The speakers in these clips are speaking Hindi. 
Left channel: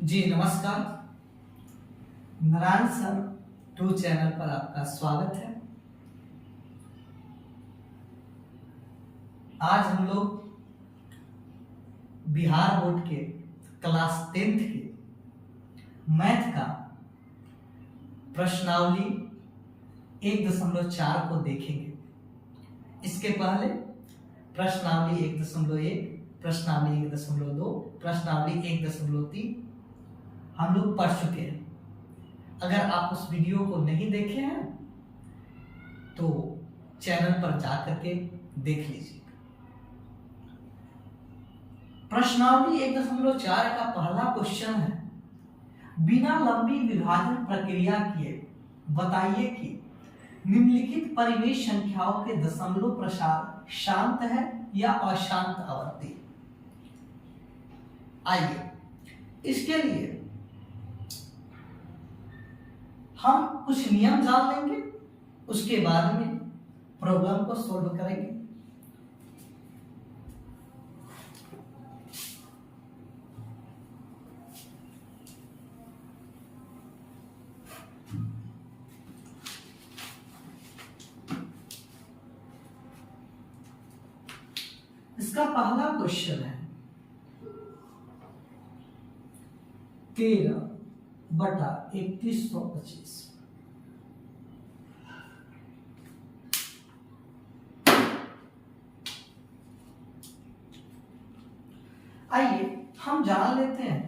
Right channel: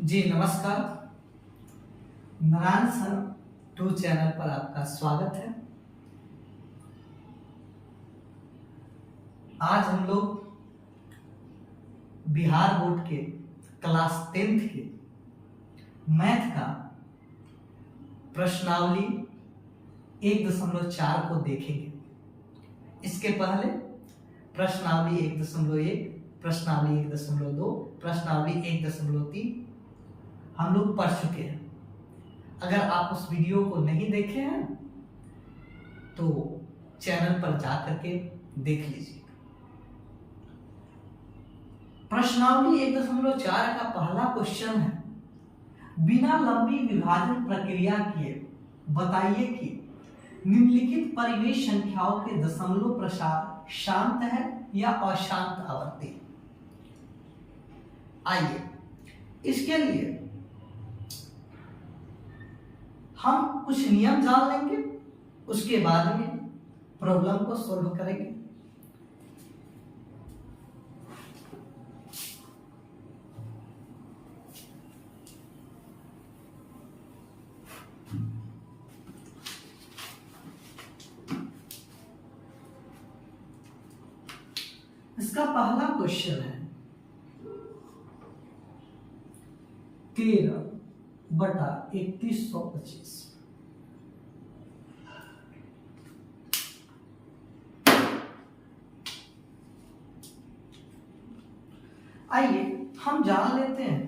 जी नमस्कार। नारायण सर 2 चैनल पर आपका स्वागत है। आज हम लोग बिहार बोर्ड के क्लास 10th के मैथ का प्रश्नावली 1.4 को देखेंगे। इसके पहले प्रश्नावली 1.1, प्रश्नावली 1.2, प्रश्नावली 1.3 हम लोग पढ़ चुके हैं। अगर आप उस वीडियो को नहीं देखे हैं तो चैनल पर जाकर के देख लीजिए। प्रश्नावली 1.4 का पहला क्वेश्चन है, बिना लंबी विभाजन प्रक्रिया किए बताइए कि निम्नलिखित परिवेश संख्याओं के दशमलव प्रसार शांत है या अशांत आवर्ती। आइए इसके लिए हम कुछ नियम जान लेंगे, उसके बाद में प्रॉब्लम को सॉल्व करेंगे। इसका पहला क्वेश्चन है 13/3125। आइए हम जान लेते हैं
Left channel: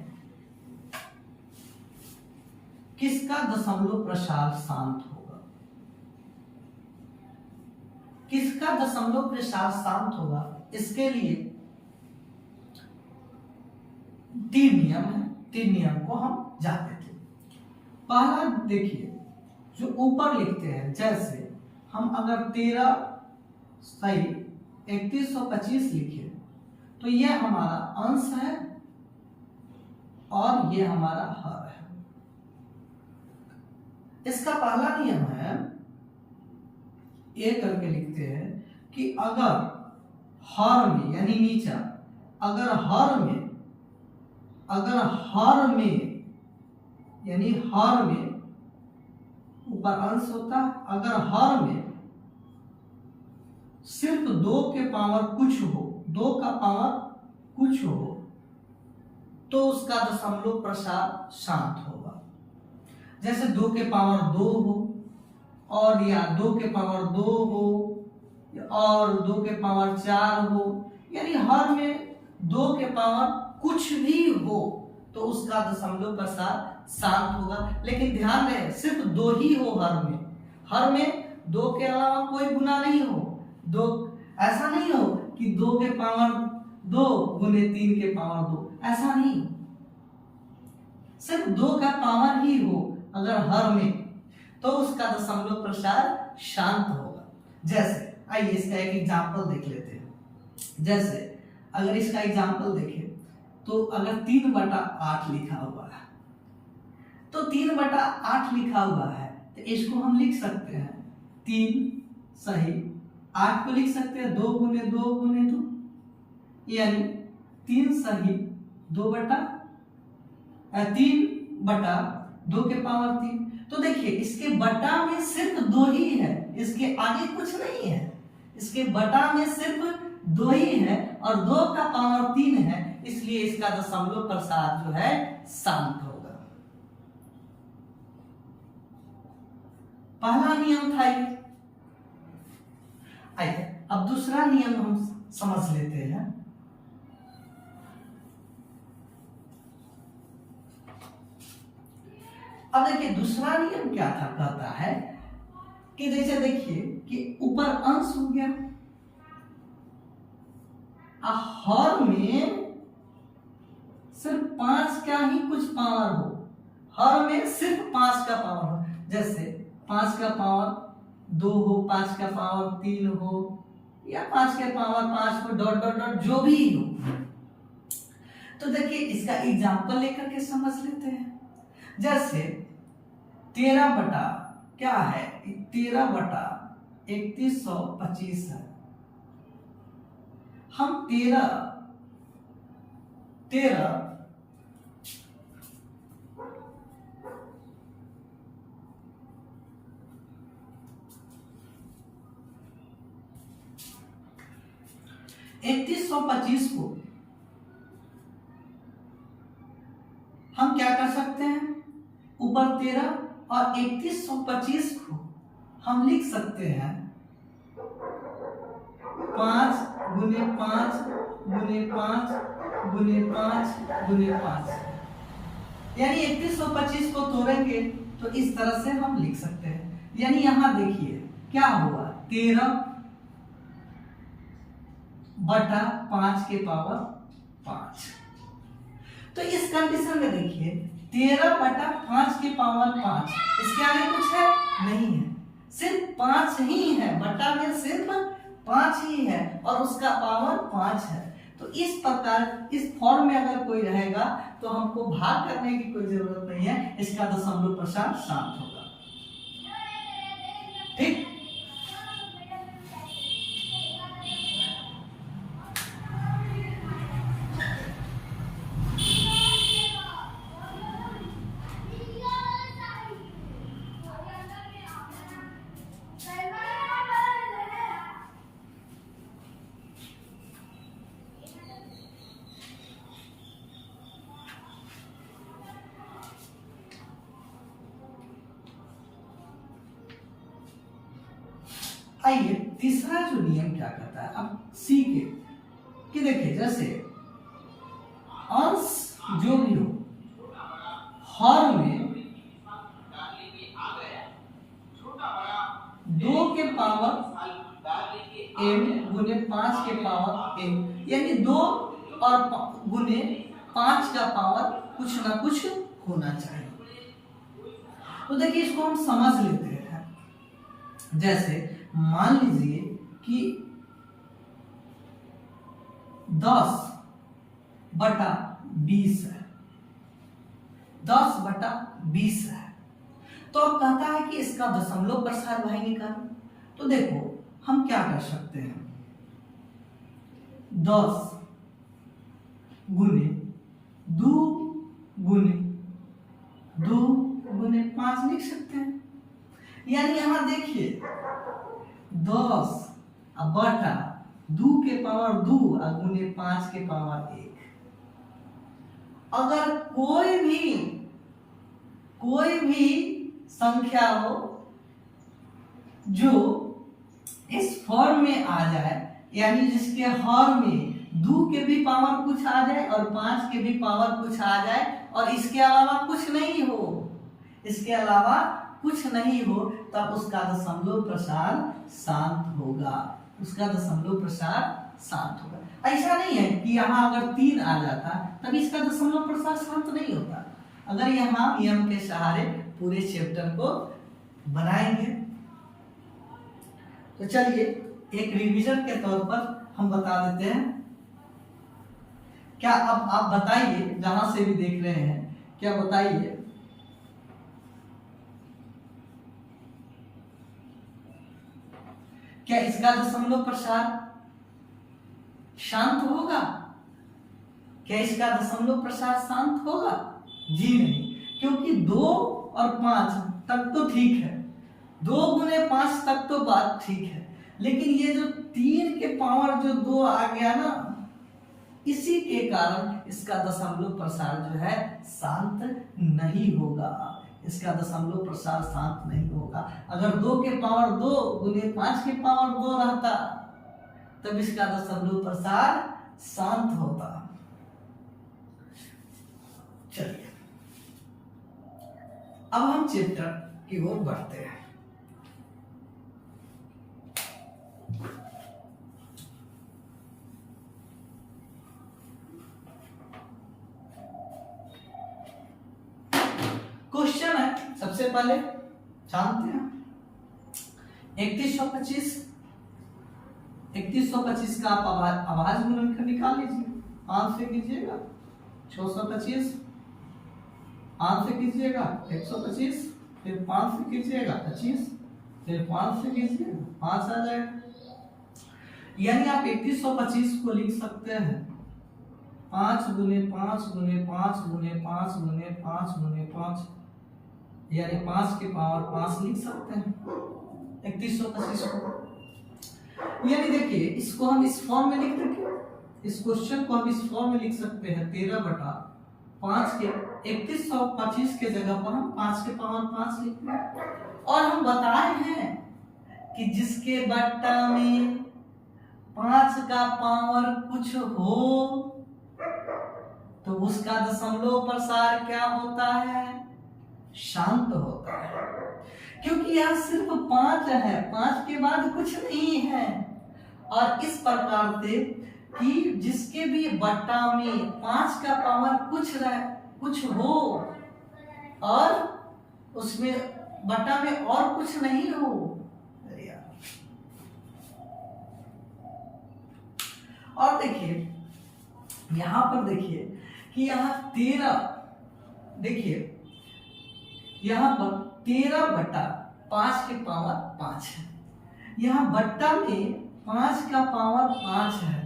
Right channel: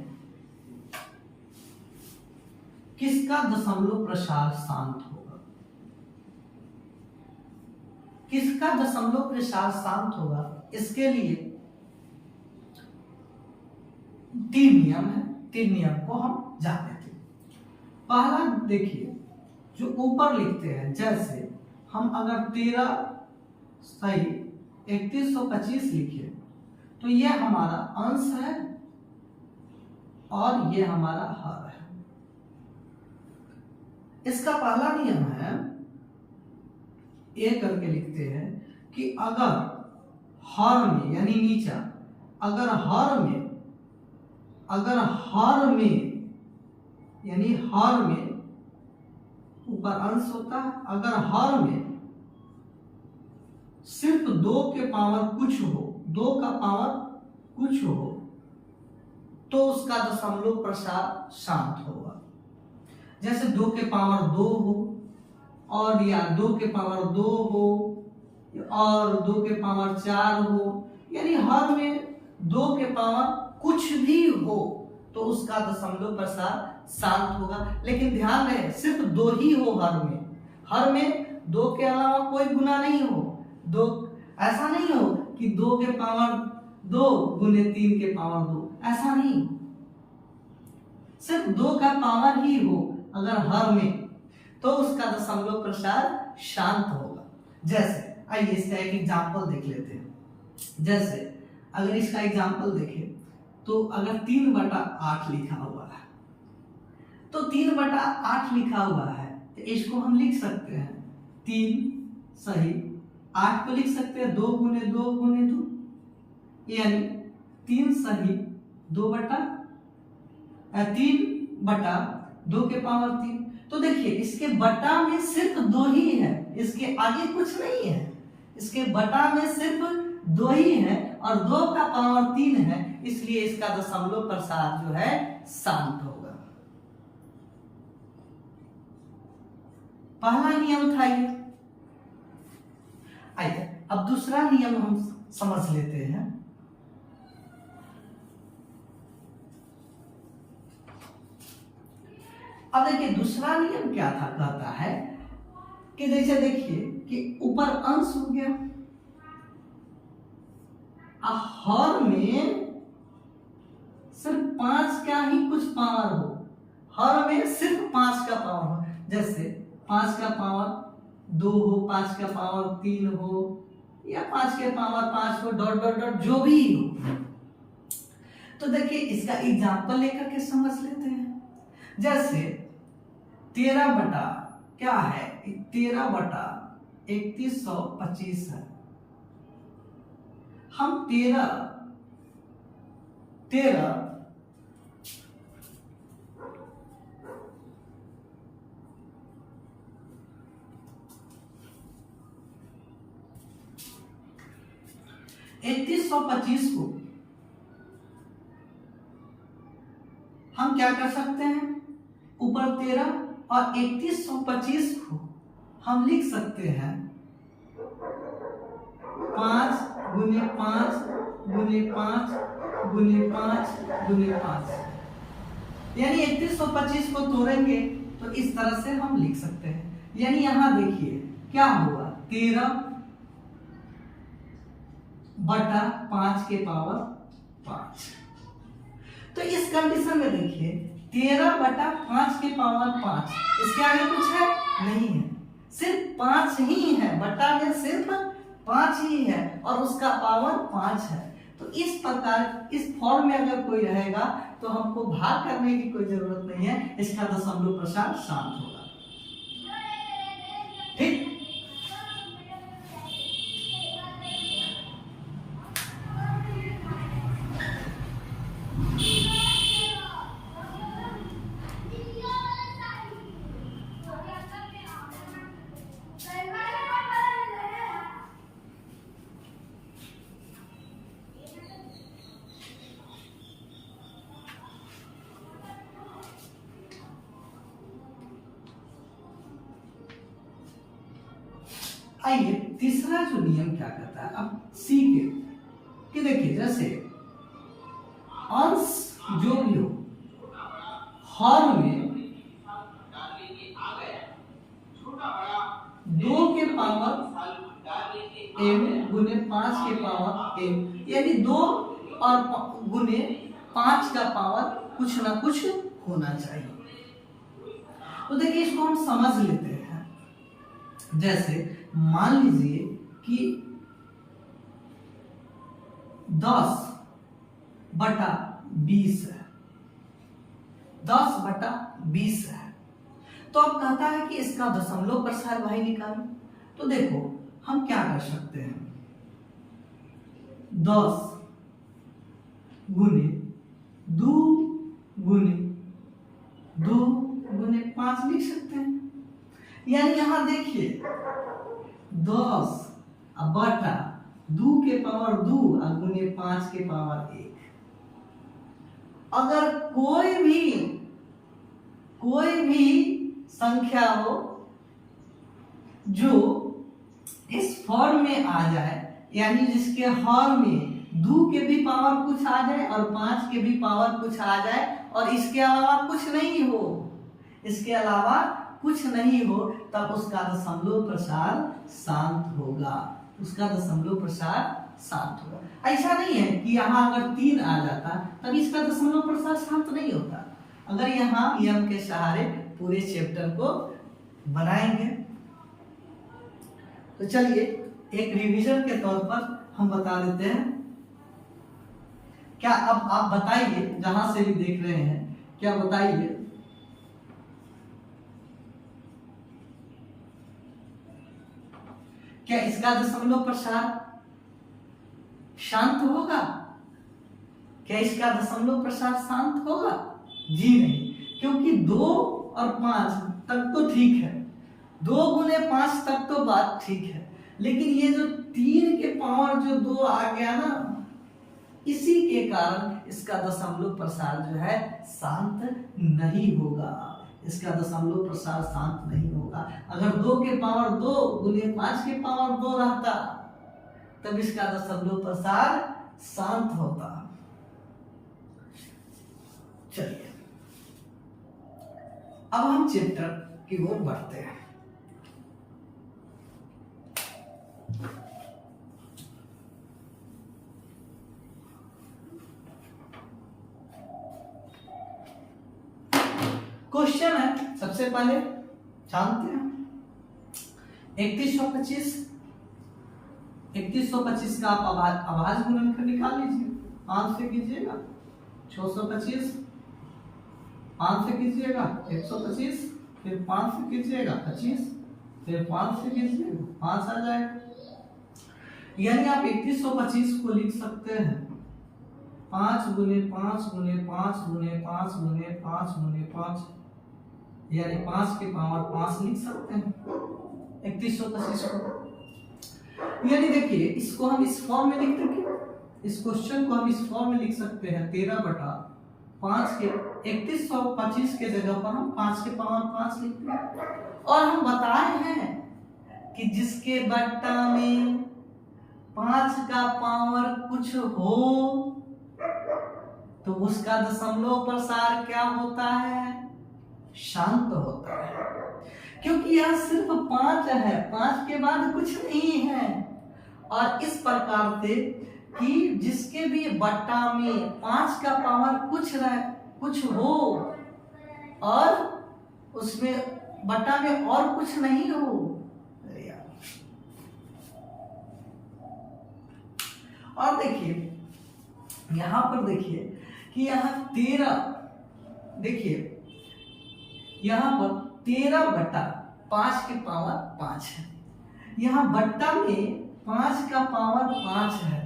किसका दशमलव प्रसार शांत होगा। किसका दशमलव प्रसार शांत होगा, इसके लिए 3 नियम है। 3 नियम को हम जानते थे। पहला देखिए, जो ऊपर लिखते हैं, जैसे हम अगर 13/3125 लिखे तो यह हमारा अंश है और यह हमारा हर है। इसका पहला नियम है, ये करके लिखते हैं कि अगर हर में यानी नीचा, अगर हर में यानी हर में ऊपर अंश होता है, अगर हर में सिर्फ 2 के पावर कुछ हो, 2 का पावर कुछ हो, तो उसका दशमलव प्रसार शांत होगा। जैसे 2 के पावर 2 हो, और या 2 के पावर 2 हो, और 2 के पावर 4 हो, यानी हर में 2 के पावर कुछ भी हो तो उसका दशमलव प्रसार शांत होगा। लेकिन ध्यान रहे, सिर्फ 2 ही हो हर में 2 के अलावा कोई गुना नहीं हो। 2 ऐसा नहीं हो कि 2 के पावर 2 गुने 3 के पावर 2, ऐसा नहीं। सिर्फ 2 का पावर ही हो अगर हर में, तो उसका दशमलव प्रसार शांत होगा। जैसे आइए इसका एक एग्जांपल देख लेते हैं। जैसे अगर इसका एग्जांपल देखें तो अगर 3/8 लिखा हुआ है, तो 3/8 लिखा हुआ है तो इसको हम लिख सकते हैं 3 सही 8 को लिख सकते हैं 2 गुने 2 गुने 2, यानी 3 सही 3/2 के पावर 3। तो देखिए इसके बटा में सिर्फ 2 ही है, इसके आगे कुछ नहीं है। इसके बटा में सिर्फ 2 ही है और 2 का पावर 3 है, इसलिए इसका दशमलव प्रसार जो है शांत होगा। पहला नियम था ये। आइए अब दूसरा नियम हम समझ लेते हैं। अब देखिए दूसरा नियम क्या था, कहता है कि जैसे देखिए कि ऊपर अंश हो गया, हर में सिर्फ 5 का ही कुछ पावर हो, हर में सिर्फ 5 का पावर हो। जैसे 5 का पावर 2 हो, 5 का पावर 3 हो, या 5 के पावर 5 हो, डॉट डॉट डॉट जो भी हो। तो देखिए इसका एग्जांपल लेकर के समझ लेते हैं। जैसे 13 क्या है, 13/3125 है। हम 13 3125 को हम क्या कर सकते हैं, ऊपर 13 और 3125 को हम लिख सकते हैं 5 गुने 5 गुने 5 गुने 5 गुने 5, यानी 3125 को तोड़ेंगे तो इस तरह से हम लिख सकते हैं। यानी यहां देखिए क्या हुआ, 13 बटा 5 के पावर 5। तो इस कंडीशन में देखिए 13 बटा 5 के पावर 5, इसके आगे कुछ है नहीं है, सिर्फ 5 ही है, बटा में सिर्फ 5 ही है और उसका पावर 5 है। तो इस प्रकार इस फॉर्म में अगर कोई रहेगा तो हमको भाग करने की कोई जरूरत नहीं है, इसका दशमलव प्रसार शांत होगा। ठीक, आइए तीसरा जो नियम क्या कहता है, अब सी के कि देखिए जैसे अंश जो भी हो, हर में 2 के पावर m गुने 5 के पावर m, यानी 2 और गुने 5 का पावर कुछ ना कुछ होना चाहिए। तो देखिए इसको हम समझ लेते हैं। जैसे मान लीजिए कि 10 बटा 20 है, 10 बटा 20 है, तो अब कहता है कि इसका दशमलव प्रसार भाई निकालो। तो देखो हम क्या कर सकते हैं, 10 गुने 2 गुने 2 गुने 5 लिख सकते हैं। यानी यहां देखिए 10 बटा 2 के पावर 2 और गुने 5 के पावर 1। अगर कोई भी संख्या हो जो इस फॉर्म में आ जाए, यानी जिसके हर में 2 के भी पावर कुछ आ जाए और 5 के भी पावर कुछ आ जाए और इसके अलावा कुछ नहीं हो, इसके अलावा कुछ नहीं हो, तब उसका दशमलव प्रसार शांत होगा, उसका दशमलव प्रसार शांत होगा। ऐसा नहीं है कि यहाँ अगर 3 आ जाता तब इसका दशमलव प्रसार शांत नहीं होता। अगर यहाँ नियम के सहारे पूरे चैप्टर को बनाएंगे तो चलिए एक रिवीजन के तौर पर हम बता देते हैं। क्या अब आप बताइए, जहां से भी देख रहे हैं, क्या बताइए क्या इसका दशमलव प्रसार शांत होगा? क्या इसका दशमलव प्रसार शांत होगा? जी नहीं, क्योंकि 2 और 5 तक तो ठीक है, 2 गुने 5 तक तो बात ठीक है, लेकिन ये जो 3 के पावर जो 2 आ गया ना, इसी के कारण इसका दशमलव प्रसार जो है शांत नहीं होगा, इसका दशमलव प्रसार शांत नहीं होगा। अगर 2 के पावर 2 गुने 5 के पावर 2 रहता तब इसका दशमलव प्रसार शांत होता। चलिए अब हम चैप्टर की ओर बढ़ते हैं। क्वेश्चन है, सबसे पहले जानते हैं 3125 का आप आवाज गुणनखंड निकाल लीजिए। 5 से कीजिएगा 625, 5 से कीजिएगा 125, फिर 5 से कीजिएगा 25, फिर 5 से कीजिएगा 5 आ जाएगा। यानी आप 3125 को लिख सकते हैं 5 गुने 5 गुने 5 गुने 5 गुने 5 गुने 5, यानी 5 के पावर 5 लिख सकते हैं 3125 को। यानी देखिए इसको हम इस फॉर्म में लिख देंगे, इस क्वेश्चन को हम इस फॉर्म में लिख सकते हैं 13/5 के 3125 के जगह पर हम 5 के पावर 5 लिखते हैं। और हम बताए हैं कि जिसके बट्टा में 5 का पावर कुछ हो तो उसका दशमलव प्रसार क्या होता है? शांत होता है, क्योंकि यह सिर्फ 5 है, 5 के बाद कुछ नहीं है। और इस प्रकार से कि जिसके भी बट्टा में 5 का पावर कुछ हो और उसमें बट्टा में और कुछ नहीं हो। और देखिए यहां पर देखिए कि यहाँ 13, देखिए यहां पर 13/5 के पावर 5 है। यहाँ बट्टा में 5 का पावर 5 है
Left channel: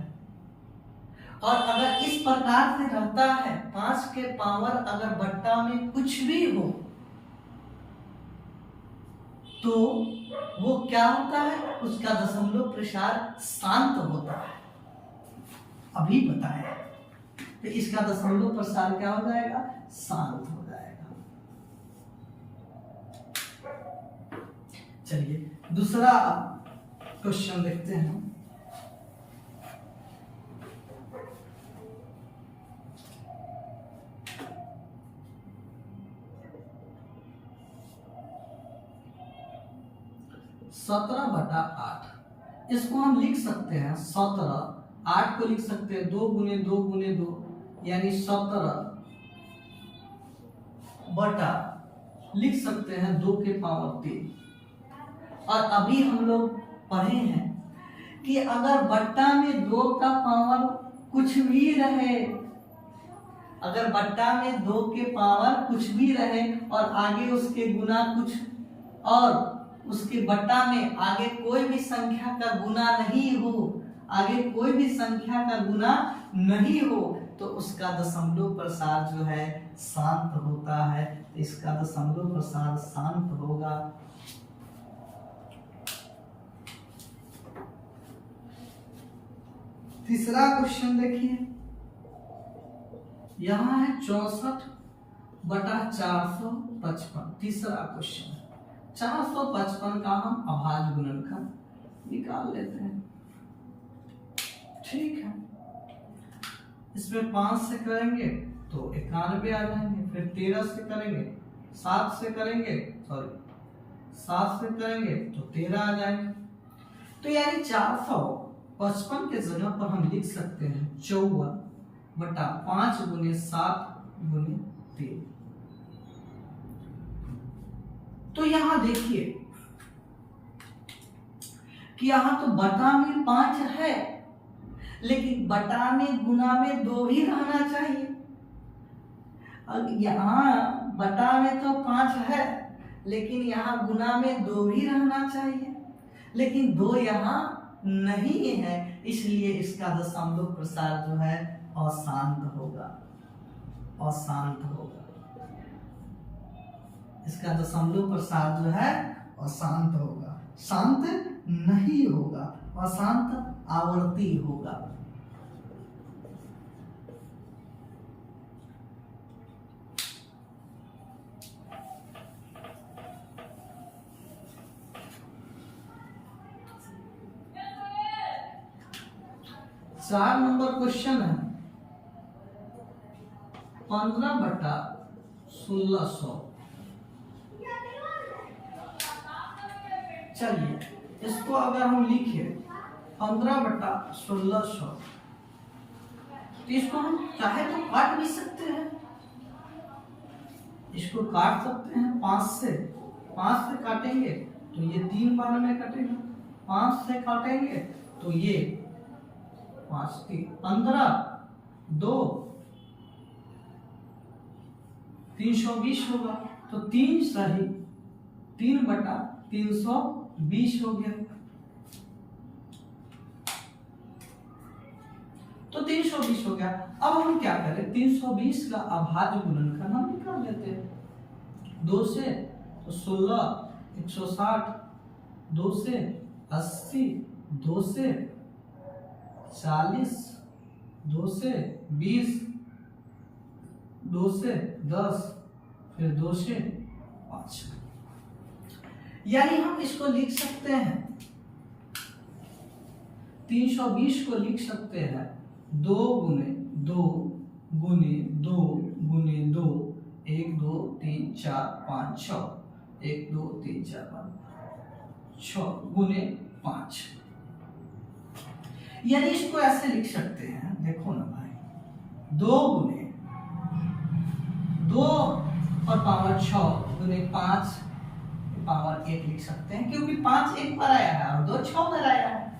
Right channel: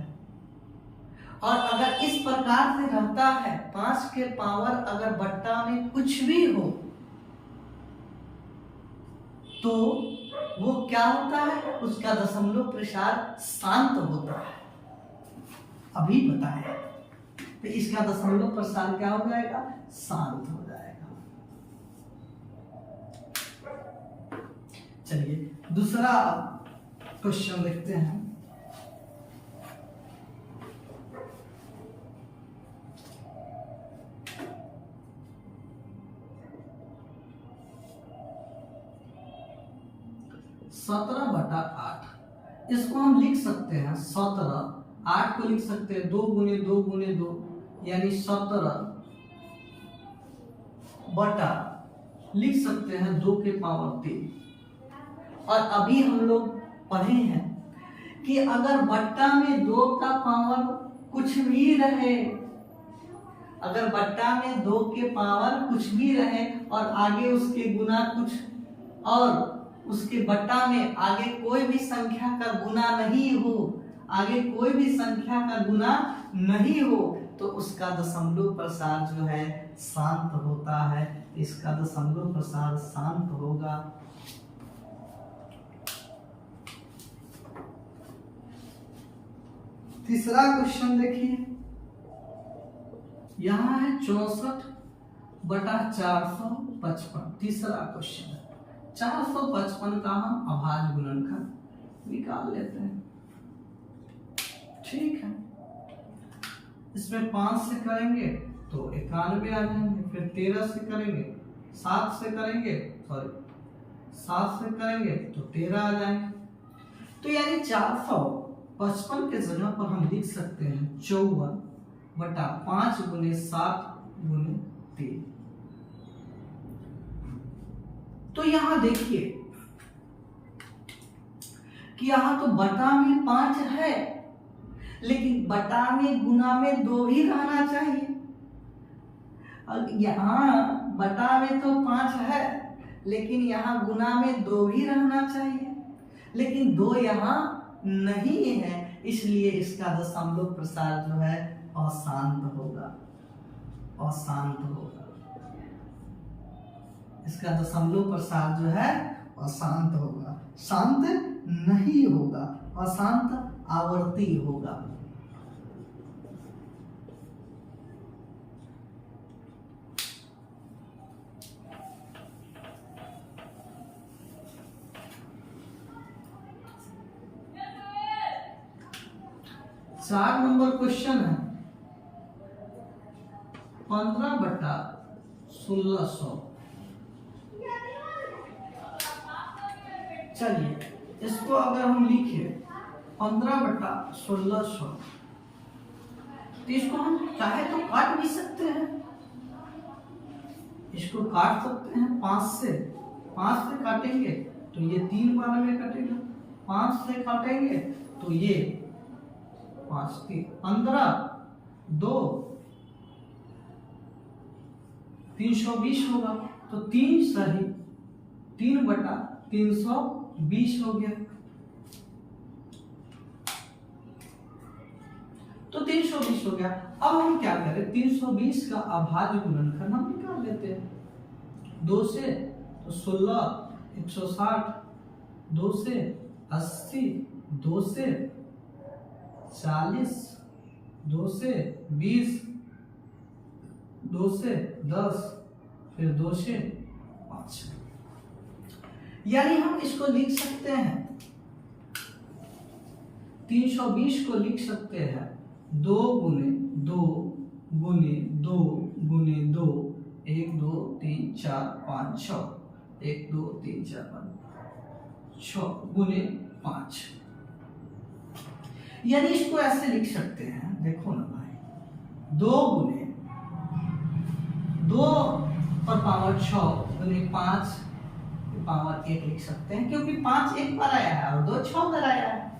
और अगर इस प्रकार से रहता है 5 के पावर अगर बट्टा में कुछ भी हो तो वो क्या होता है? उसका दशमलव प्रसार शांत होता है। अभी बताया तो इसका दशमलव प्रसार क्या हो जाएगा? शांत हो जाएगा। चलिए दूसरा क्वेश्चन देखते हैं। सत्रह बटा 8 इसको हम लिख सकते हैं 17, 8 को लिख सकते हैं 2 गुने 2 गुने 2 यानी 17 बटा लिख सकते हैं 2 के पावर 3। और अभी हम लोग पढ़े हैं कि अगर बट्टा में 2 का पावर कुछ भी रहे, अगर बट्टा में 2 के पावर कुछ भी रहे और आगे उसके गुना कुछ और उसके बट्टा में आगे कोई भी संख्या का गुना नहीं हो, आगे कोई भी संख्या का गुना नहीं हो तो उसका दशमलव प्रसार जो है शांत होता है। इसका दशमलव प्रसार शांत होगा। तीसरा क्वेश्चन देखिए, यहां है 64/455। तीसरा क्वेश्चन है 455 का हम अभाज्य गुणनखंड निकाल लेते हैं। ठीक है, इसमें 5 से करेंगे तो 91 आ जाएंगे, फिर 13 से करेंगे, 7 से करेंगे तो 13 आ जाएंगे। तो यानी 455 के जगह पर हम लिख सकते हैं 54/5 गुने 7 गुने 3। तो यहां देखिए कि यहां तो बटा में 5 है लेकिन बटा में गुना में 2 भी रहना चाहिए। यहाँ बटा में तो 5 है लेकिन यहाँ गुना में 2 भी रहना चाहिए, लेकिन 2 यहाँ नहीं है, इसलिए इसका दशमलव प्रसार जो है अशांत होगा। इसका दशमलव प्रसार जो है अशांत होगा, शांत नहीं होगा, अशांत आवर्ती होगा। चार नंबर क्वेश्चन है 15/1600। चलिए इसको अगर हम लिखे 15/1600 तो इसको हम चाहे तो काट भी सकते हैं, इसको काट सकते हैं 5 से काटेंगे तो ये 3 बार में कटेगा, 5 से काटेंगे तो ये 5 3 15 2 320 होगा, तो 3 सही 3/320 हो गया। तो 320 हो गया। अब हम क्या करें, 320 का अभाज्य गुणनखंड हम निकाल लेते हैं। 2 से तो 16 160, 2 से 80 2 से 40, 2 से 20, 2 से 10, फिर 2 से 5। यानी हम इसको लिख सकते हैं 320 को लिख सकते हैं 2 गुने 2 गुने 2 गुने 2, 1 2 3 4 5 6, 1 2 3 4 5 6 गुने 5। यानी इसको ऐसे लिख सकते हैं, देखो ना भाई, 2 गुने 2 पर पावर 6 गुने 5 पावर 1 लिख सकते हैं, क्योंकि 5 एक बार आया है और 2 6 बार आया है,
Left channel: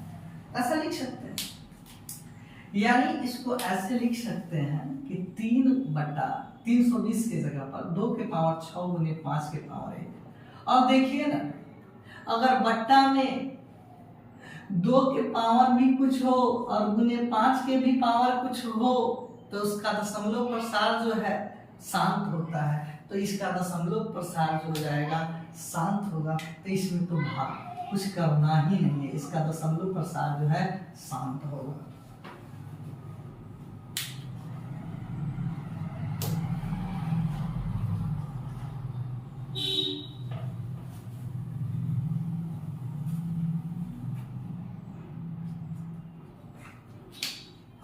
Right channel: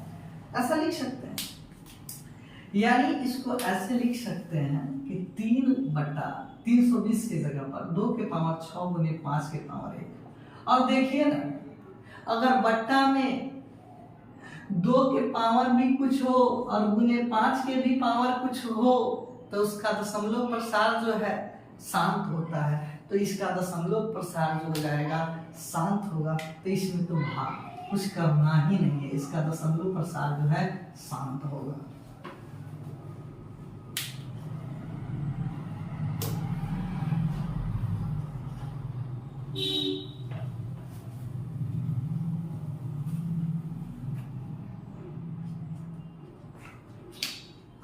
ऐसा लिख सकते हैं। यानी इसको ऐसे लिख सकते हैं कि 3/320 की जगह पर 2 के पावर 6 गुने 5 के पावर 1। और देखिए ना, अगर बट्टा में 2 के पावर भी कुछ हो और गुने 5 के भी पावर कुछ हो, तो उसका दशमलव प्रसार जो है शांत होता है। तो इसका दशमलव प्रसार जो हो जाएगा शांत होगा। तो इसमें तो कुछ करना ही नहीं है, इसका दशमलव प्रसार जो है शांत होगा।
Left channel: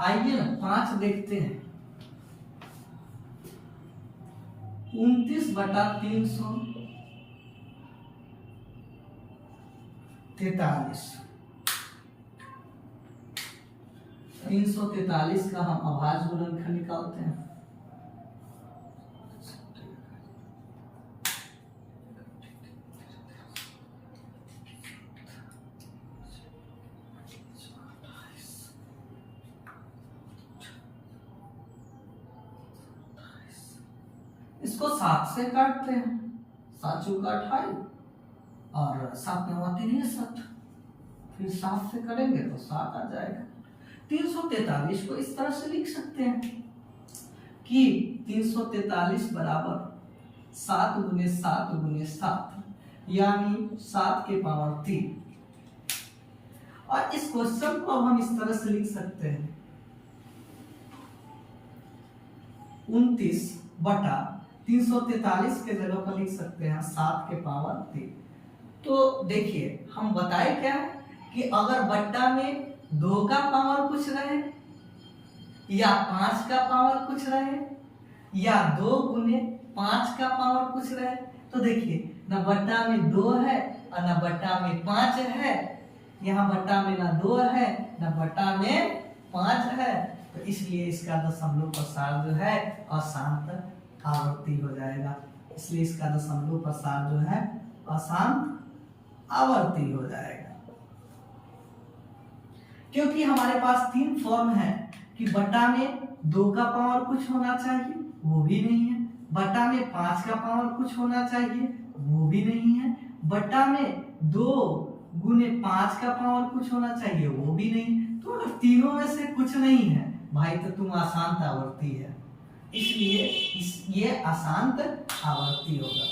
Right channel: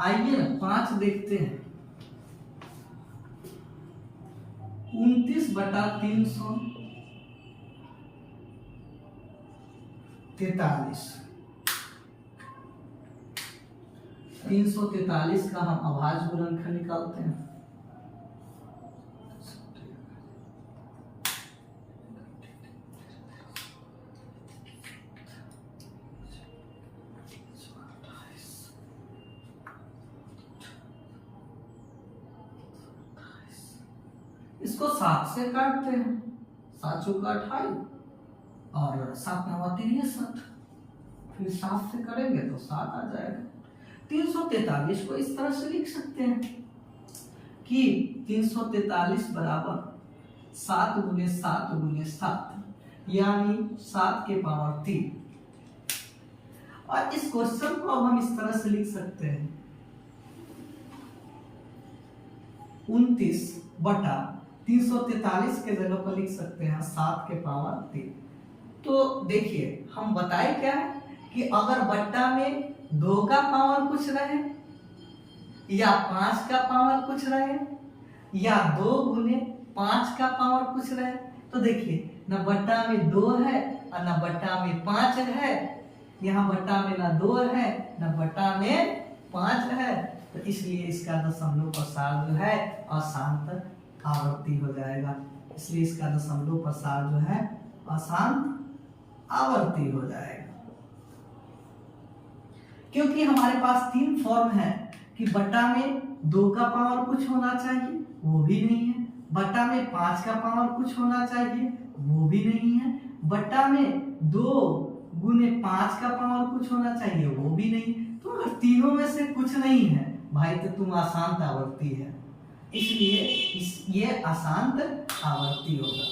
आइए ना 5 देखते हैं। 29/343। 343 का हम अभाज्य गुणनखंड निकालते हैं। इसको 7 से काटते हैं, 7 चौका 28 और 7 9 63, फिर 7 से करेंगे तो 7 आ जाएगा। 343 को इस तरह से लिख सकते हैं कि 343 बराबर 7 गुने 7 गुने 7, यानी 7 के पावर 3। और इस क्वेश्चन को अब हम इस तरह से लिख सकते हैं 29/343 के जगह पर लिख सकते हैं 7 के पावर 3। तो देखिए, हम बताए क्या है कि अगर बट्टा में 2 का पावर कुछ रहे या 5 का पावर कुछ रहे या 2 गुने 5 का पावर कुछ रहे, तो देखिए न बट्टा में 2 है और न बट्टा में 5 है। यहाँ बट्टा में न 2 है न बट्टा में 5 है, तो इसलिए इसका दशमलव प्रसार जो है अशांत आवर्ती हो जाएगा। इसलिए इसका दशमलव प्रसार जो है अशांत आवर्ती हो जाएगा। क्योंकि हमारे पास 3 फॉर्म है कि बट्टा में 2 का पावर कुछ होना चाहिए, वो भी नहीं है। बट्टा में 5 का पावर कुछ होना चाहिए, वो भी नहीं है। बट्टा में 2 गुने 5 का पावर कुछ होना चाहिए, वो भी नहीं। तो अगर तीनों में से कुछ नहीं है भाई, तो तुम अशांत आवर्ती है, इसलिए ये अशांत आवर्ती होगा।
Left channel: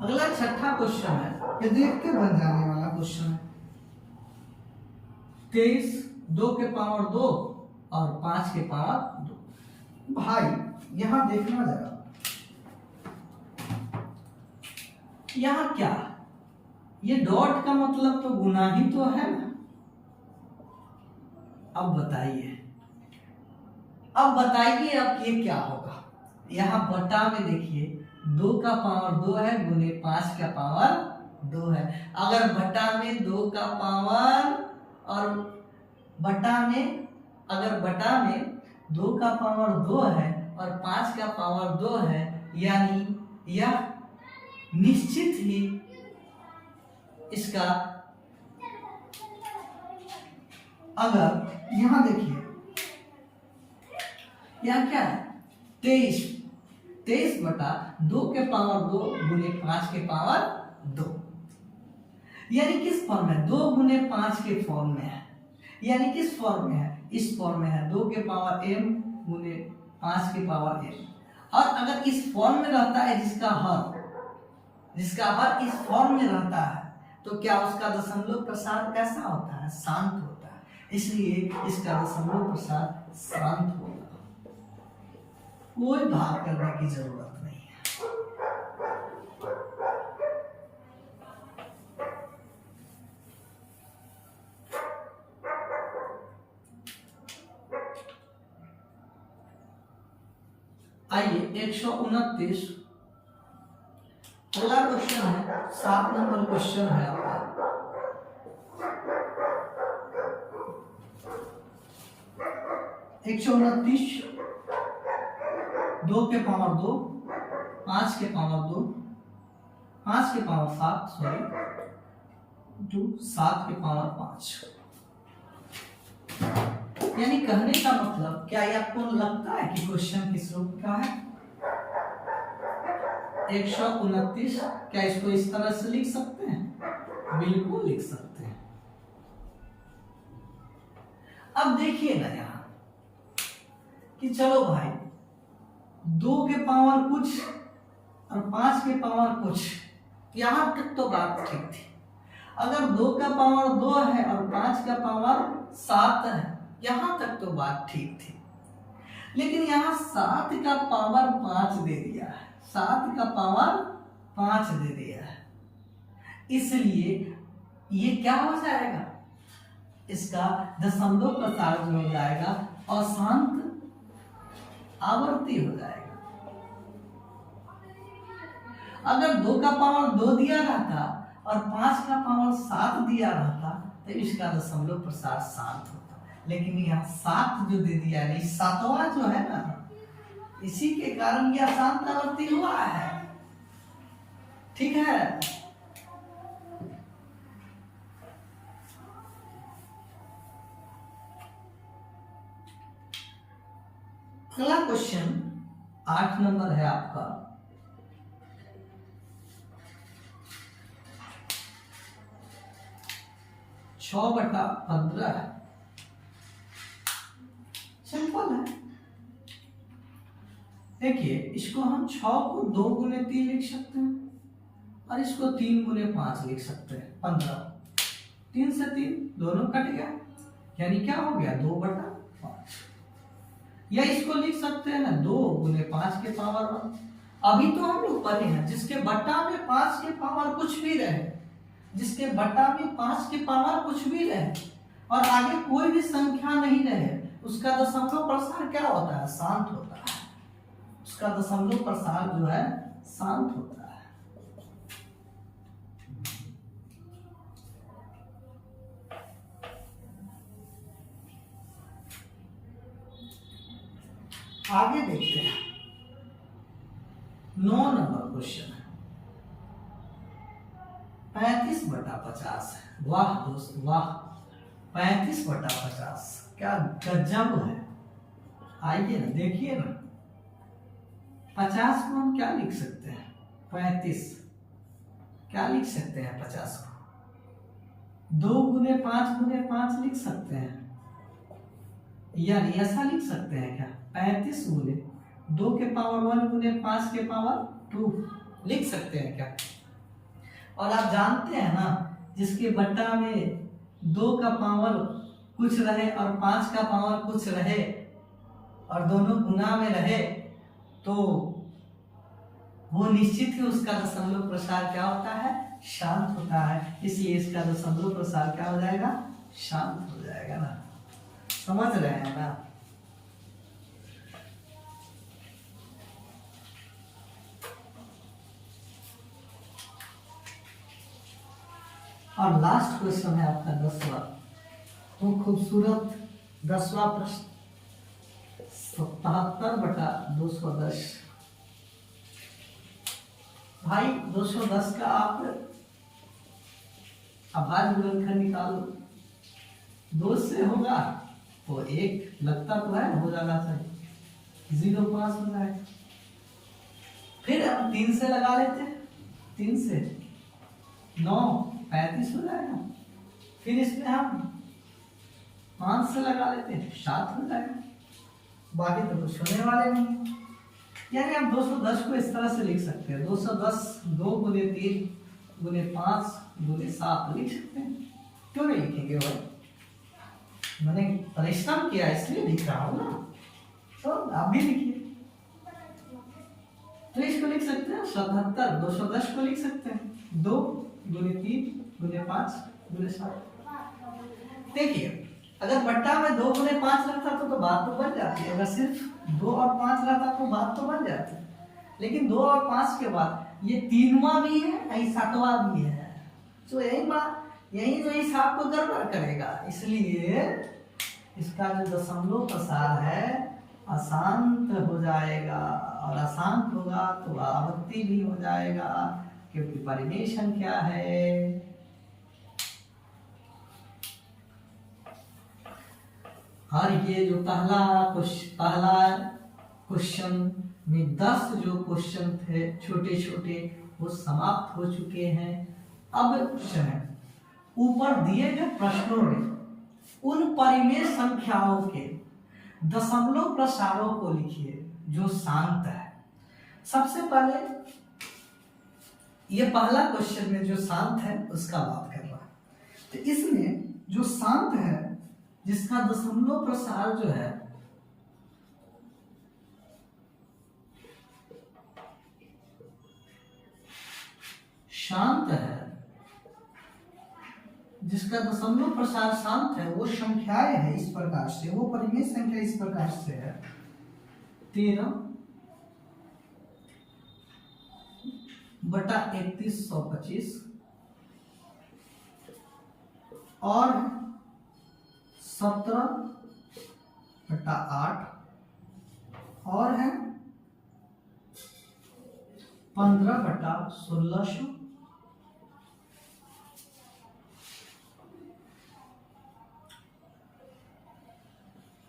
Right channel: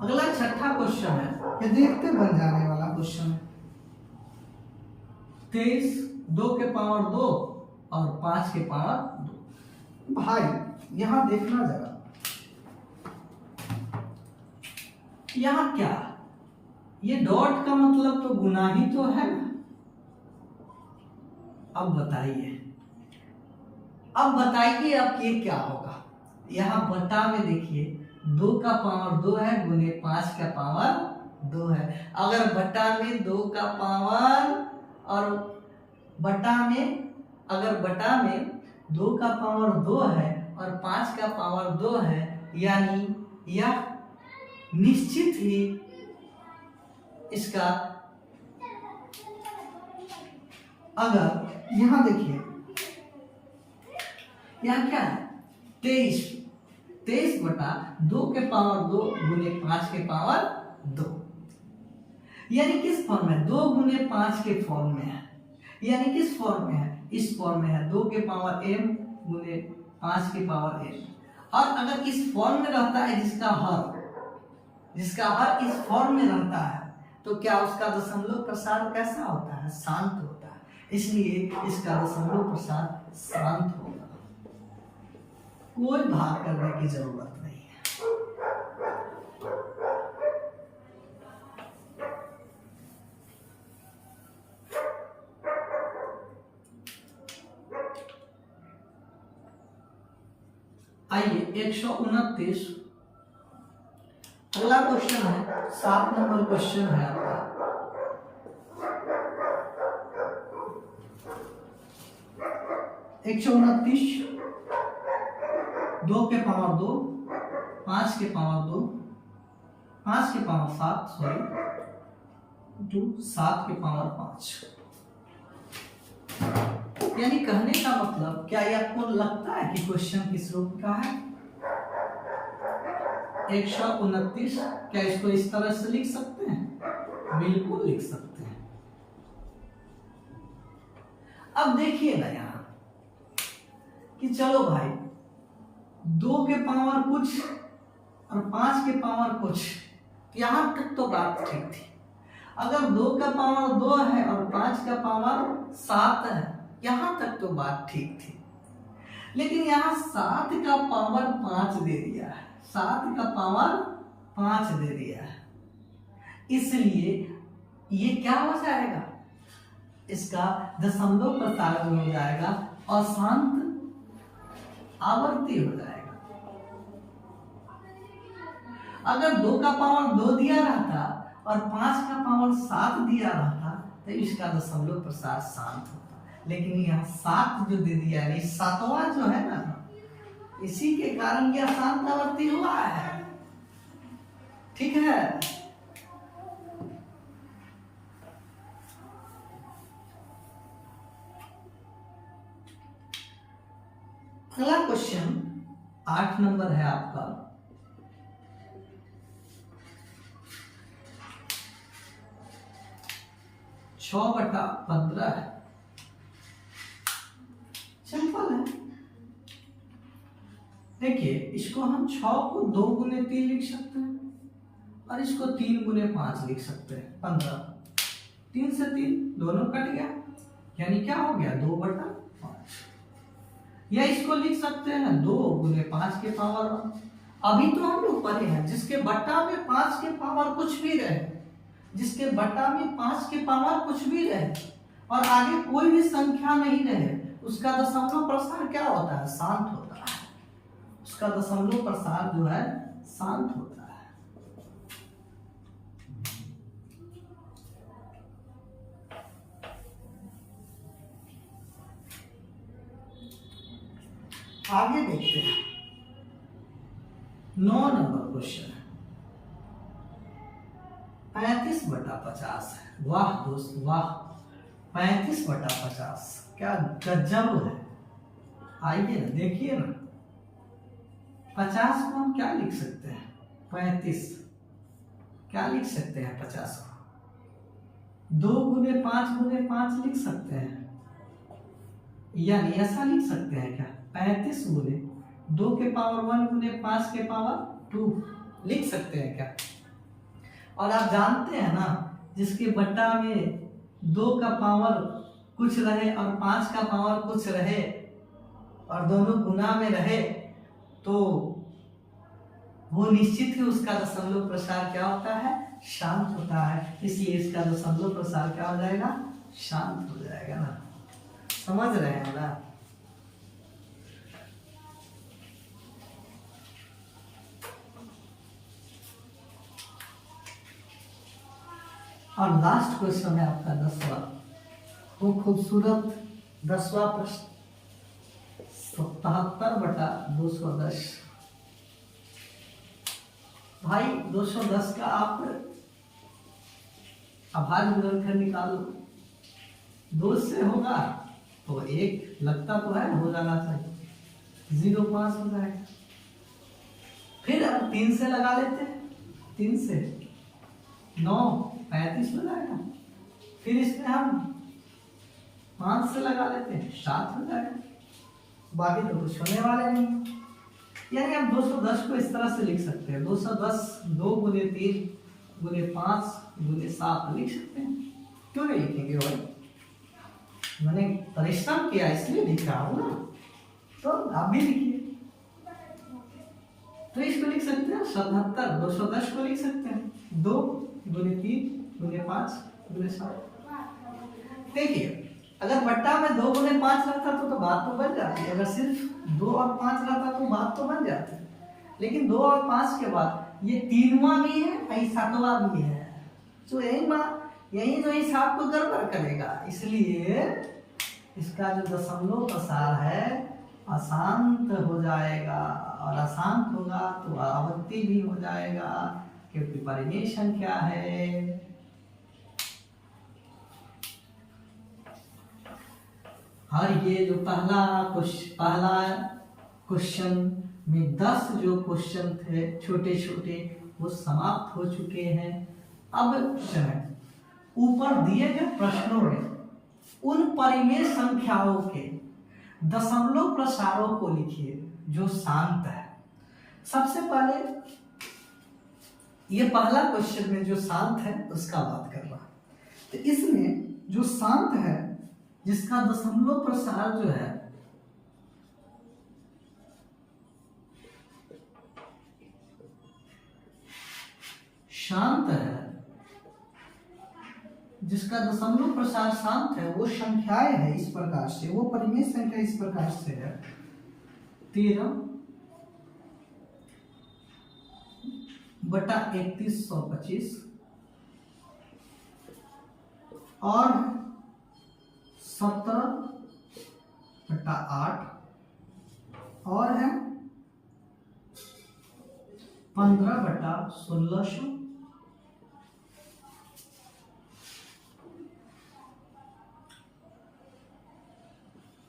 अगला 6ठा क्वेश्चन है, ये देखते बन जाने वाला क्वेश्चन है। 23 2 के पावर 2 और 5 के पावर 2। भाई यहां देखना जरा, यहां क्या, ये डॉट का मतलब तो गुना ही तो है ना। अब बताइए अब ये क्या होगा। यहां बट्टा में देखिए 2 का पावर 2 है गुने 5 का पावर 2 है। अगर बट्टा में 2 का पावर और अगर बट्टा में 2 का पावर 2 है और 5 का पावर 2 है, यानी यह निश्चित ही इसका, अगर यहां देखिए यह क्या है 23 बटा 2 के पावर 2 गुने 5 के पावर 2। यानी किस फॉर्म में, 2 गुने 5 के फॉर्म में है। यानी किस फॉर्म में है, इस फॉर्म में है, 2 के पावर m गुने 5 के पावर m। और अगर इस फॉर्म में रहता है जिसका हर इस फॉर्म में रहता है, तो क्या उसका दशमलव प्रसार कैसा होता है, शांत होता है। इसलिए इसका दशमलव प्रसार शांत होगा, कोई भाग करने की जरूरत नहीं है। आइए 129 अगला क्वेश्चन है, 7 नंबर क्वेश्चन है आपका। एक 2 के पावर 2, 5 के पावर 2, 5 के पावर 7 टू 7 के पावर 5। यानी कहने का मतलब, क्या ये आपको लगता है कि क्वेश्चन किस रूप का है? 129, क्या इसको इस तरह से लिख सकते हैं? बिल्कुल लिख सकते हैं। अब देखिए ना यहां कि चलो भाई 2 के पावर कुछ और 5 के पावर कुछ, यहां तक तो बात ठीक थी। अगर 2 का पावर 2 है और 5 का पावर 7 है, यहां तक तो बात ठीक थी। लेकिन यहां 7 का पावर 5 दे दिया है, 7 का पावर 5 दे दिया है, इसलिए ये क्या हो जाएगा, इसका दशमलव प्रसार जो हो जाएगा अशांत आवर्ती हो जाएगा। अगर 2 का पावर 2 दिया रहता और 5 का पावर 7 दिया रहता, तो इसका दशमलव प्रसार शांत होता। लेकिन यहाँ 7 जो दे दिया है, 7वां जो है ना, इसी के कारण यह अशांत आवर्ती हुआ है। ठीक है, अगला क्वेश्चन 8 नंबर है आपका। छः बटा 15 है, सिंपल है। देखिए इसको हम 6 को 2 गुने 3 लिख सकते हैं और इसको 3 गुने 5 लिख सकते हैं। 15, 3 से 3 दोनों कट गया, यानी क्या हो गया, 2 बटा 5। या इसको लिख सकते हैं 2 गुने 5 के पावर 1। अभी तो हम लोग पढ़े हैं जिसके बट्टा में 5 के पावर कुछ भी रहे, जिसके बट्टा में 5 के पावर कुछ भी रहे और आगे कोई भी संख्या नहीं रहे, उसका दशमलव प्रसार क्या होता है, शांत होता है। उसका दशमलव प्रसार जो है शांत होता है। आगे देखते हैं 9 नंबर क्वेश्चन है, 35 बटा 50 है। वाह दोस्त वाह, 35 बटा 50 क्या गजब है। आइए ना देखिए ना, 50 को हम क्या लिख सकते हैं, 35 क्या लिख सकते हैं, 50 को 2 गुने 5 गुने 5 लिख सकते हैं, यानी ऐसा लिख सकते हैं क्या, 35 गुने 2 के पावर 1 गुने 5 के पावर 2 लिख सकते हैं क्या। और आप जानते हैं ना, जिसके बट्टा में 2 का पावर कुछ रहे और 5 का पावर कुछ रहे और दोनों गुना में रहे, तो वो निश्चित ही उसका दशमलव प्रसार क्या होता है, शांत होता है। इसलिए इसका दशमलव प्रसार क्या हो जाएगा, शांत हो जाएगा ना। समझ रहे हैं ना। और लास्ट क्वेश्चन है आपका 10वां, वो खूबसूरत 10वां प्रश्न, 77 बटा 210। भाई 210 का आप आभार गुणनखंड निकालो, 2 से होगा तो 1 लगता तो है, हो जाना चाहिए, 0.5 हो जाएगा। फिर हम 3 से लगा लेते हैं, 3 से 9 35 हो जाएगा। फिर इसमें हम 5 से लगा लेते हैं, 7 हो जाएगा। बाकी तो कुछ होने वाले नहीं। यानी हम 210 को इस तरह से लिख सकते हैं, 210 2 गुने 3 गुने 5 गुने 7 लिख सकते हैं। क्यों नहीं लिखेंगे भाई, मैंने परिश्रम किया इसलिए लिख रहा हूं ना, तो आप भी लिखिए। तो इसको लिख सकते हैं 77, 210 को लिख सकते हैं 2 गुने 3 गुने 5 गुने 7। देखिए अगर बट्टा में 2 गुने 5 रहता तो बात तो बन जाती है, अगर सिर्फ 2 और 5 रहता तो बात तो बन जाती है। लेकिन 2 और 5 के बाद ये 3वां भी है, यही 7वां भी है, तो यही जो हिसाब को गड़बड़ करेगा, इसलिए इसका जो दशमलव प्रसार है अशांत हो जाएगा, और अशांत होगा तो आवृत्ति भी हो जाएगा, क्योंकि परिमेय संख्या है। और ये जो पहला क्वेश्चन में 10 जो क्वेश्चन थे छोटे छोटे वो समाप्त हो चुके हैं। अब ऊपर दिए गए प्रश्नों में उन परिमेय संख्याओं के दशमलव प्रसारों को लिखिए जो शांत है। सबसे पहले ये पहला क्वेश्चन में जो शांत है उसका बात कर रहा है। तो इसमें जो शांत है जिसका दशमलव प्रसार जो है शांत है, जिसका दशमलव प्रसार शांत है, वो संख्याएं है इस प्रकार से, वो परिमेय संख्या इस प्रकार से है 13 बटा 3125 और 17 बटा 8 और है 15 बटा 1600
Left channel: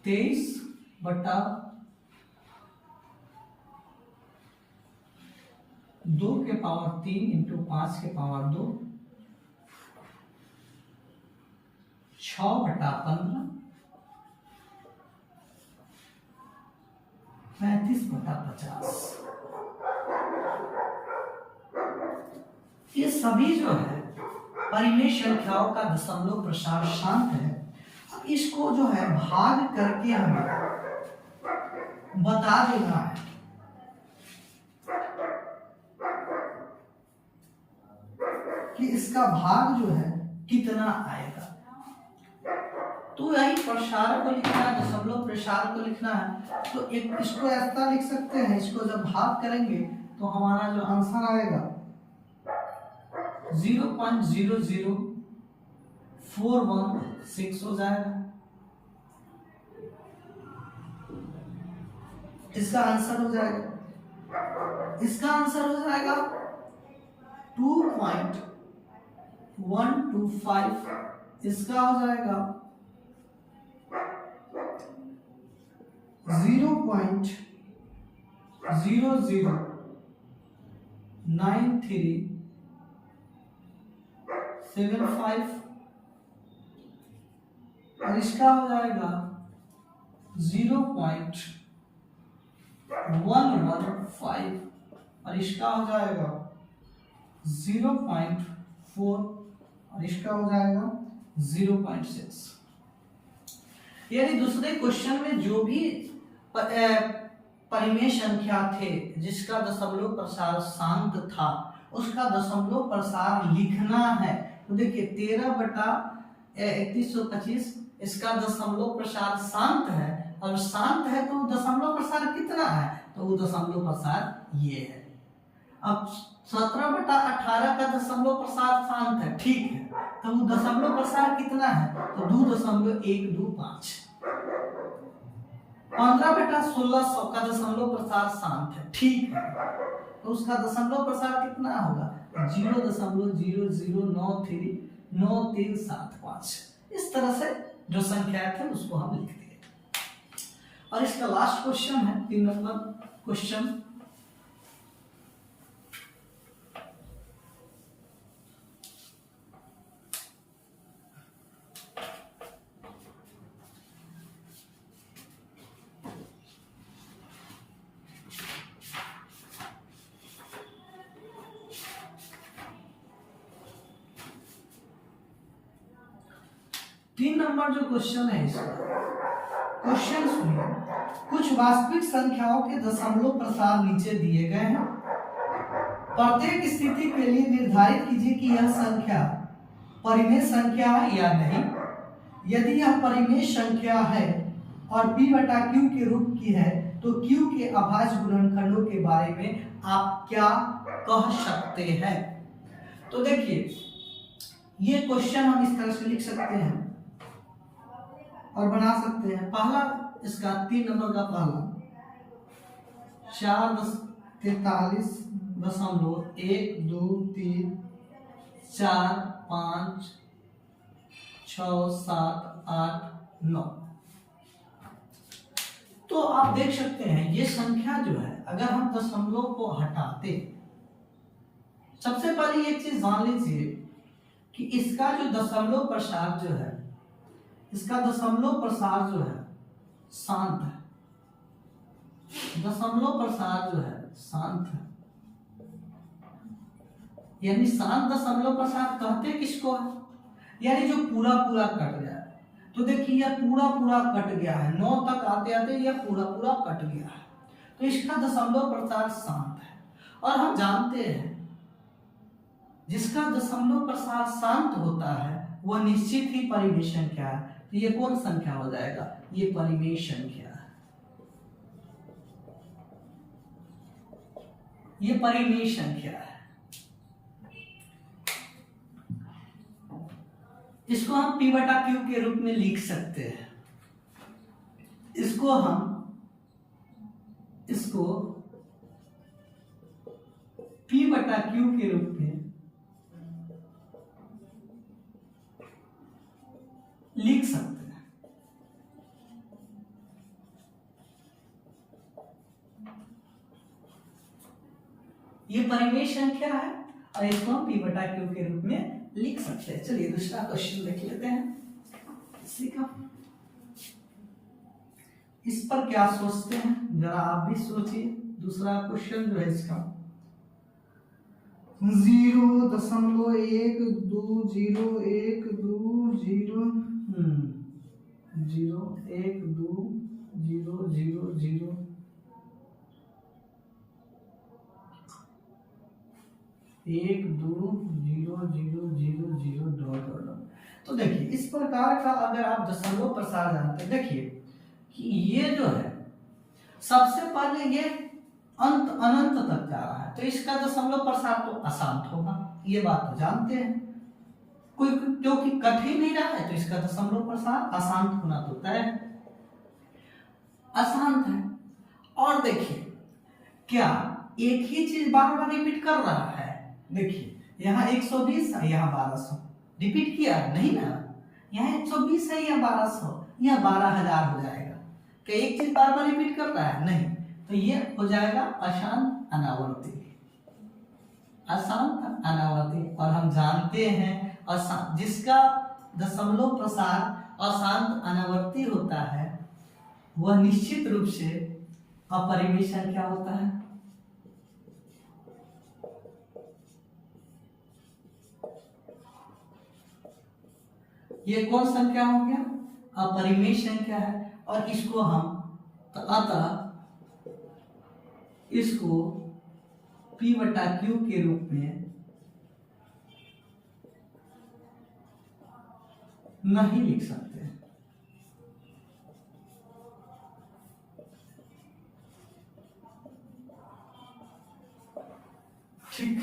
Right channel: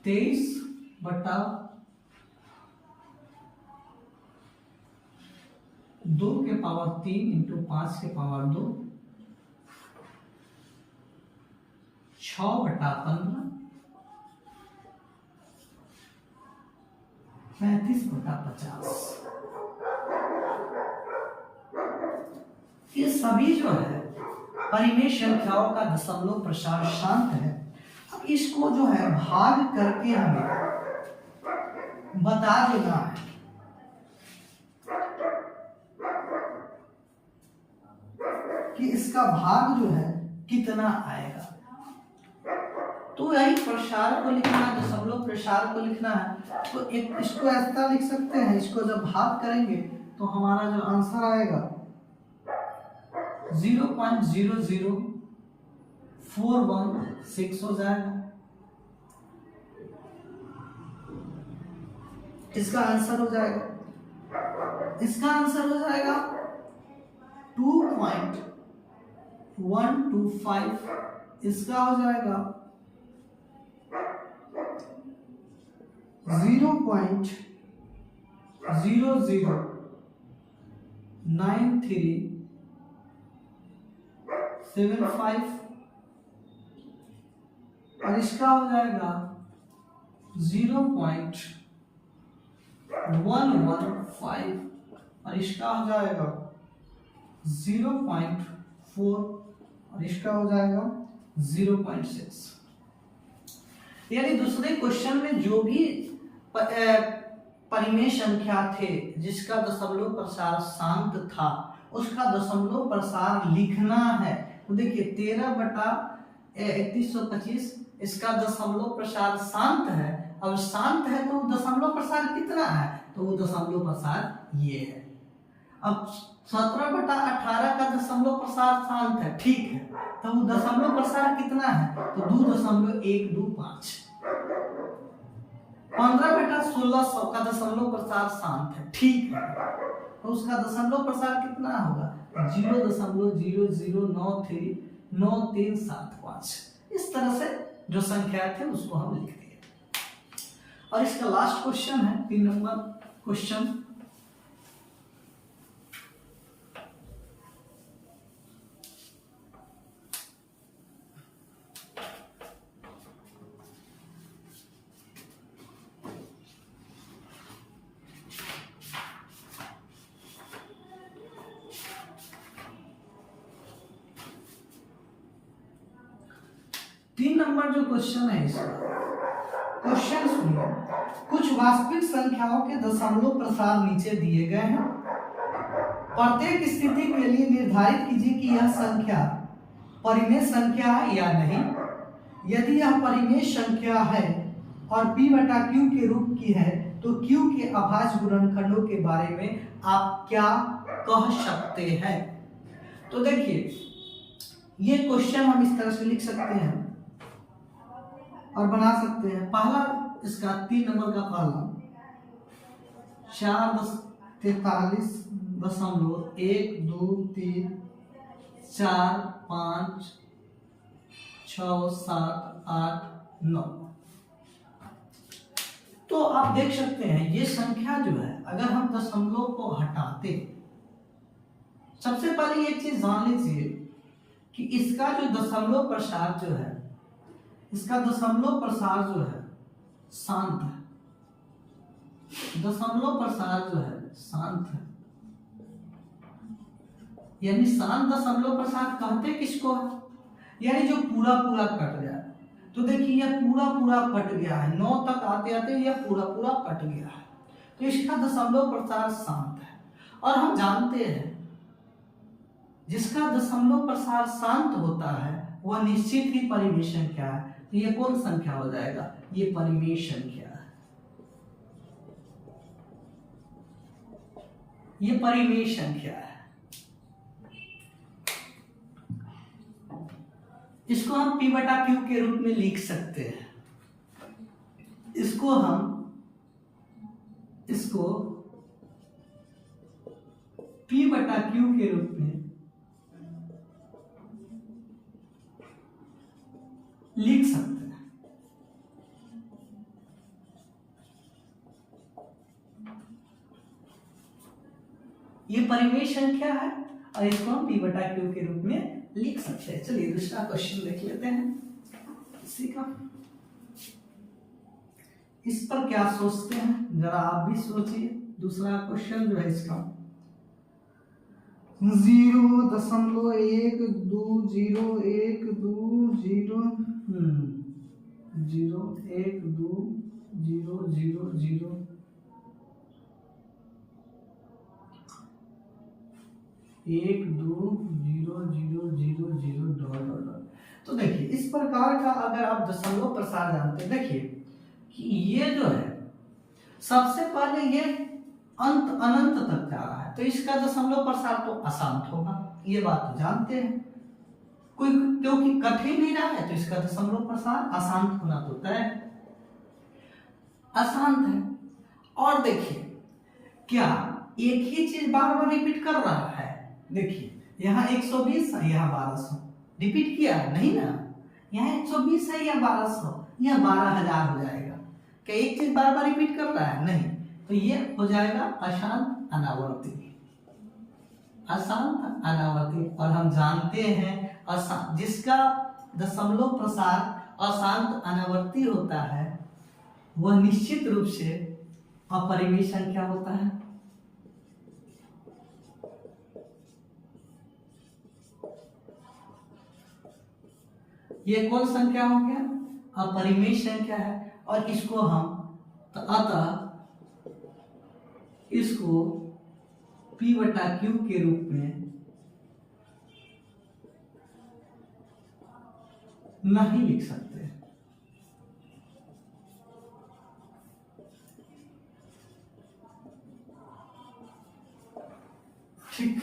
23 बटा 2 के पावर 3 इंटू 5 के पावर 2 6 बटा 15 35 बटा 50। ये सभी जो है परिमेय संख्याओं का दशमलव प्रसार शांत है। अब इसको जो है भाग करके हमें बता देना है कि इसका भाग जो है कितना आएगा। तो यही प्रसार को लिखना है, दशमलव प्रसार को लिखना है। तो एक इसको ऐसा लिख सकते हैं, इसको जब भाग करेंगे तो हमारा जो आंसर आएगा 0.00416 हो जाएगा। इसका आंसर हो जाएगा 2.125। इसका हो जाएगा 0.009375 और इसका हो जाएगा 0.115 और इसका हो जाएगा 0.4 और इसका हो जाएगा 0.6। यानी दूसरे क्वेश्चन में जो भी परिमेय संख्या थे जिसका दशमलव प्रसार शांत था उसका दशमलव प्रसार लिखना है। तो देखिए 13 बटा 3125 इसका दशमलव प्रसार शांत है, और शांत है तो दशमलव प्रसार कितना है, तो वो दशमलव प्रसार ये है। अब 17 बटा 18 का दशमलव प्रसार शांत है, ठीक है, तो वो दशमलव प्रसार कितना है, तो 2.125। 15 बटा 1600 का दशमलव प्रसार शांत है, ठीक है, तो उसका दशमलव प्रसार कितना होगा 0.00939375। इस तरह से जो संख्या थे उसको हम लिख दिए। और इसका लास्ट क्वेश्चन है 3 नंबर क्वेश्चन। नंबर जो क्वेश्चन है इसका, क्वेश्चन सुनिए। कुछ वास्तविक संख्याओं के दशमलव प्रसार नीचे दिए गए हैं। प्रत्येक स्थिति के लिए निर्धारित कीजिए कि यह संख्या परिमेय संख्या है या नहीं। यदि यह परिमेय संख्या है और p बटा q के रूप की है तो q के अभाज्य गुणनखंडों के बारे में आप क्या कह सकते हैं। तो देखिए ये क्वेश्चन हम इस तरह से लिख सकते हैं और बना सकते हैं। पहला इसका 3 नंबर का पहला 4.43.1 2 3 4 5 6 7 8 9। तो आप देख सकते हैं ये संख्या जो है अगर हम दशमलव को हटाते, सबसे पहले एक चीज जान लीजिए कि इसका जो दशमलव प्रसार जो है, इसका दशमलव प्रसार जो है शांत है। दशमलव प्रसार जो है शांत है, यानी शांत दशमलव प्रसार कहते किसको है, यानी जो पूरा पूरा कट जाए। तो देखिए यह पूरा पूरा कट गया है, 9 तक आते आते यह पूरा पूरा कट गया है, तो इसका दशमलव प्रसार शांत है। और हम जानते हैं जिसका दशमलव प्रसार शांत होता है वह निश्चित ही परिमेय संख्या है। तो ये कौन संख्या हो जाएगा, ये परिमेय संख्या है, ये परिमेय संख्या है। इसको हम p बटा q के रूप में लिख सकते हैं। इसको p बटा q के रूप में लिख सकते हैं। ये परिमेय संख्या है और इसको हम p बटा q के रूप में लिख सकते हैं। चलिए दूसरा क्वेश्चन देख लेते हैं इसी का। इस पर क्या सोचते हैं जरा आप भी सोचिए। दूसरा क्वेश्चन जो है इसका 0.120 1 2 0 0 0 0 डॉट डॉट। तो देखिए इस प्रकार का अगर आप दशमलव प्रसार जानते हैं, देखिए कि ये जो है सबसे पहले ये अंत अनंत तक जा रहा है, तो इसका दशमलव प्रसार तो अशांत होगा, ये बात तो जानते हैं। कोई क्योंकि कट ही नहीं रहा है तो इसका दशमलव प्रसार अशांत होना तो तय है, अशांत है। और देखिए क्या एक ही चीज बार बार रिपीट कर रहा है। देखिए यहाँ 120 है, यहाँ 1200 रिपीट किया नहीं ना, यहाँ 120 है, यहाँ 1200, यहाँ 12,000 हो जाएगा। क्या एक चीज बार बार रिपीट कर रहा है, नहीं, तो ये हो जाएगा अशांत अनावर्ती, अशांत अनावर्ती। और हम जानते हैं जिसका दशमलव प्रसार अशांत अनावर्ती होता है वह निश्चित रूप से अपरिमेय संख्या होता है। ये कौन संख्या हो गया, अपरिमेय संख्या है। और इसको हम अतः इसको p बटा q के रूप में नहीं लिख सकते। ठीक,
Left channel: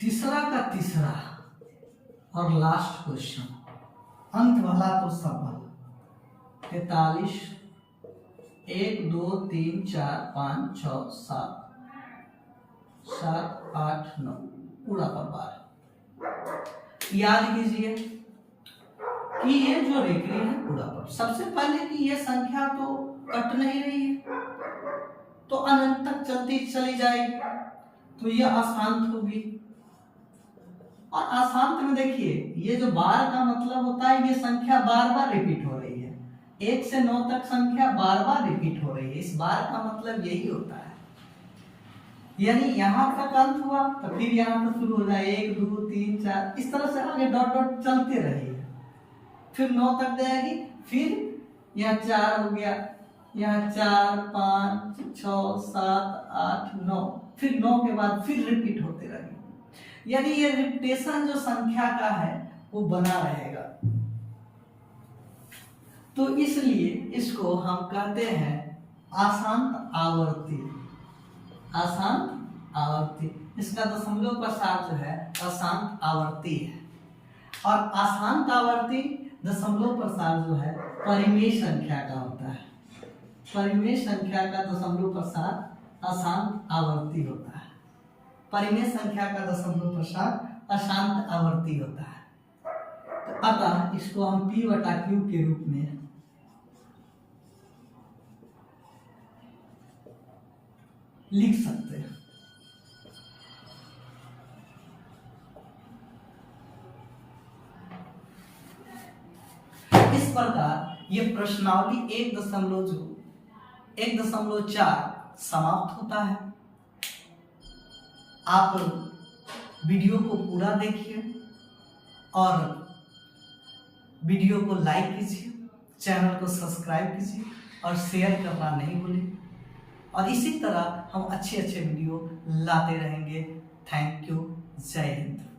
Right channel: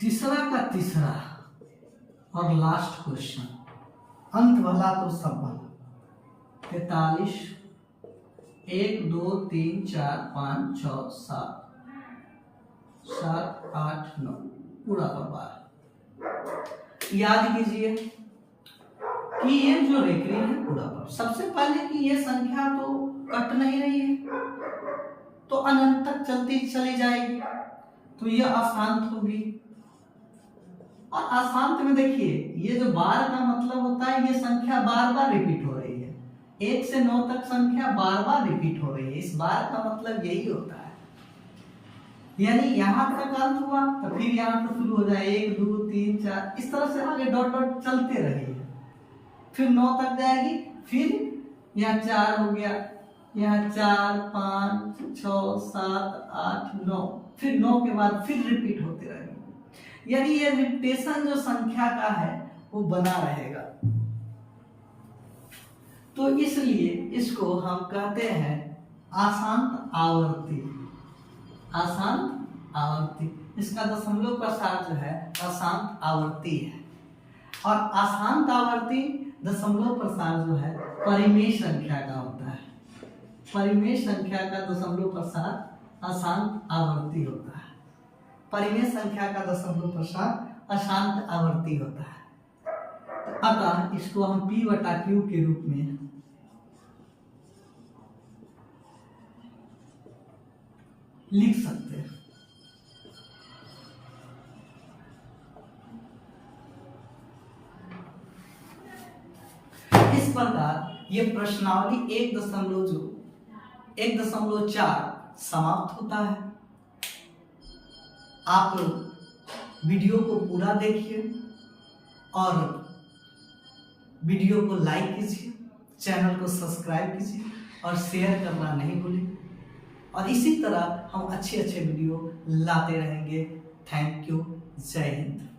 तीसरा का तीसरा और लास्ट क्वेश्चन, अंत भला तो सब भला। 43 1 2 3 4 5 6 7 7 8 9 पूरा पर बार। याद कीजिए कि ये जो रेखरी है पूरा पर, सबसे पहले कि ये संख्या तो कट नहीं रही है तो अनंत तक चलती चली जाएगी, तो ये अशांत होगी। और अशांत में देखिए ये जो बार का मतलब होता है ये संख्या बार बार रिपीट हो रही है, 1 से 9 तक संख्या बार बार रिपीट हो रही है, इस बार का मतलब यही होता है। यानी यहां तक अंत हुआ तो फिर यहां से शुरू हो जाए 1 2 3 4, इस तरह से आगे डॉट डॉट चलते रहेगा। फिर 9 तक जाएगी, फिर यहाँ 4 हो गया, यहाँ 4 5 6 7 8 9, फिर 9 के बाद फिर रिपीट होते रहेंगे। यानी ये रिपीटेशन जो संख्या का है वो बना रहेगा। तो इसलिए इसको हम कहते हैं अशांत आवर्ती। अशांत आवर्ती, इसका दशमलव प्रसार जो है अशांत आवर्ती है। और अशांत आवर्ती दशमलव प्रसार जो है परिमेय संख्या का होता है। परिमेय संख्या का दशमलव प्रसार अशांत आवर्ती होता है। परिमेय संख्या का दशमलव प्रसार अशांत आवर्ती होता है। अतः इसको हम P/Q के रूप में लिख सकते हैं। इस प्रकार ये प्रश्नावली 1.4 समाप्त होता है। आप वीडियो को पूरा देखिए और वीडियो को लाइक कीजिए, चैनल को सब्सक्राइब कीजिए और शेयर करना नहीं भूलिए। और इसी तरह हम अच्छे वीडियो लाते रहेंगे। Thank you. जय हिंद।